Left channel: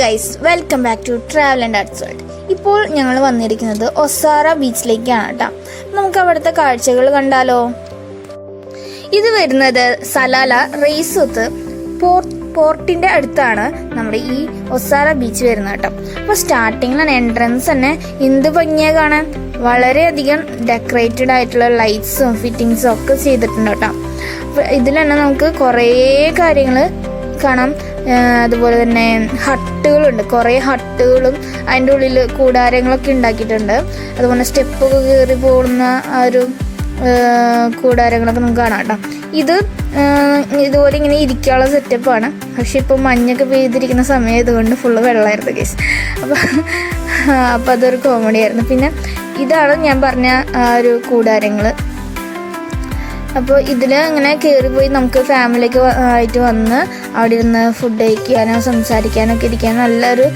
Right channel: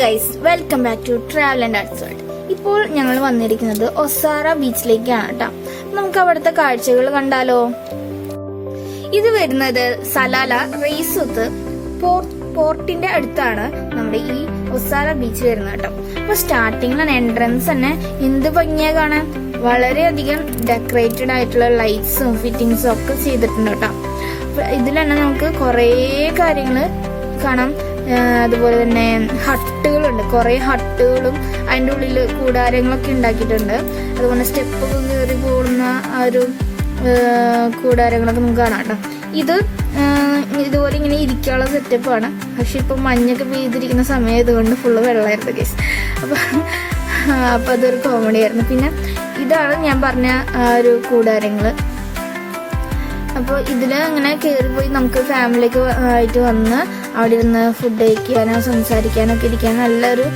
Guys, welcome back to travel and arts world. ഇപ്പോൾ ഞങ്ങൾ വന്നിരിക്കുന്നത് ഒസാറ ബീച്ചിലേക്കാണ് കേട്ടോ. നമുക്ക് അവിടുത്തെ കാഴ്ചകൾ കണ്ടാലോ. ഇത് വരുന്നത് സലാല റെയ്സോത്ത് പോർട്ടിന്റെ അടുത്താണ് നമ്മുടെ ഈ ഒസാറ ബീച്ച് വരുന്നത് കേട്ടോ. അപ്പൊ സ്റ്റാർട്ടിങ്ങിലാണ് എൻട്രൻസ് തന്നെ എന്ത് ഭംഗിയാ കാണാൻ. വളരെയധികം ഡെക്കറേറ്റഡ് ആയിട്ടുള്ള ലൈറ്റ്സും ഫിറ്റിങ്സും ഒക്കെ ചെയ്തിട്ടുണ്ട് കേട്ടോ. ഇതിൽ തന്നെ നമുക്ക് കുറേ കാര്യങ്ങൾ കാണാം. അതുപോലെ തന്നെ ഹട്ടുകളുണ്ട്, കുറേ ഹട്ടുകളും അതിൻ്റെ ഉള്ളിൽ കൂടാരങ്ങളൊക്കെ ഉണ്ടാക്കിയിട്ടുണ്ട്. അതുപോലെ സ്റ്റെപ്പൊക്കെ കയറി പോകുന്ന ആ ഒരു കൂടാരങ്ങളൊക്കെ നമുക്ക് കാണാം കേട്ടോ. ഇതുപോലെ ഇങ്ങനെ ഇരിക്കാനുള്ള സെറ്റപ്പാണ്. പക്ഷെ ഇപ്പം മഞ്ഞൊക്കെ പെയ്തിരിക്കുന്ന സമയം ഇതുകൊണ്ട് ഫുള്ള് വെള്ളമായിരുന്നു കേസ്. അപ്പം അതൊരു കോമഡി ആയിരുന്നു. പിന്നെ ഇതാണ് ഞാൻ പറഞ്ഞ ആ ഒരു കൂടാരങ്ങൾ. അപ്പോൾ ഇതിൽ ഇങ്ങനെ കയറിപ്പോയി നമുക്ക് ഫാമിലിക്ക് ആയിട്ട് വന്ന് അവിടെ ഇരുന്ന് ഫുഡ് കഴിക്കാനോ സംസാരിക്കാനൊക്കെ ഇരിക്കാൻ നല്ലൊരു,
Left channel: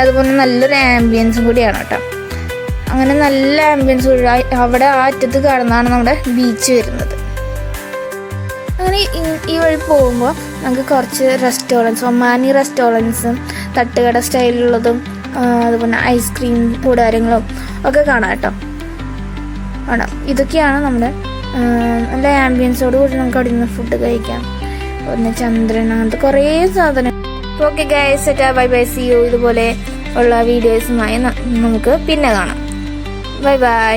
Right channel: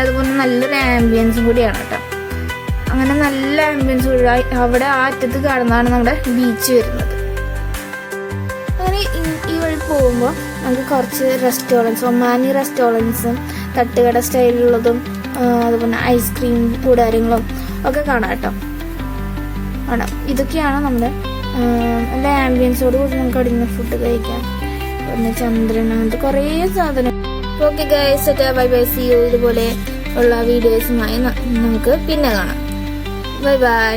അതുപോലെ നല്ലൊരു ആംബിയൻസും കൂടിയാണ് കേട്ടോ. അങ്ങനെ നല്ല ആംബിയൻസ് അവിടെ ആ അറ്റത്ത് കാണുന്നതാണ് നമ്മുടെ ബീച്ച് വരുന്നത്. അങ്ങനെ ഈ വഴി പോകുമ്പോൾ നമുക്ക് കുറച്ച് റെസ്റ്റോറൻറ്റ്സ്, ഒമാനി റെസ്റ്റോറൻറ്റ്സും തട്ടുകട സ്റ്റൈലുള്ളതും അതുപോലെ ഐസ്ക്രീം കൂടാരങ്ങളും ഒക്കെ കാണാം കേട്ടോ. ആണോ, ഇതൊക്കെയാണ് നമ്മുടെ നല്ല ആംബിയൻസോട് കൂടി നമുക്ക് അവിടെ നിന്ന് ഫുഡ് കഴിക്കാം. പിന്നെ ചന്ദ്രൻ, അങ്ങനത്തെ കുറേ സാധനം. Okay guys, bye bye, see you. ഇതുപോലെ ഉള്ള വീഡിയോസുമായി നമുക്ക് പിന്നെ കാണാം. Bye by.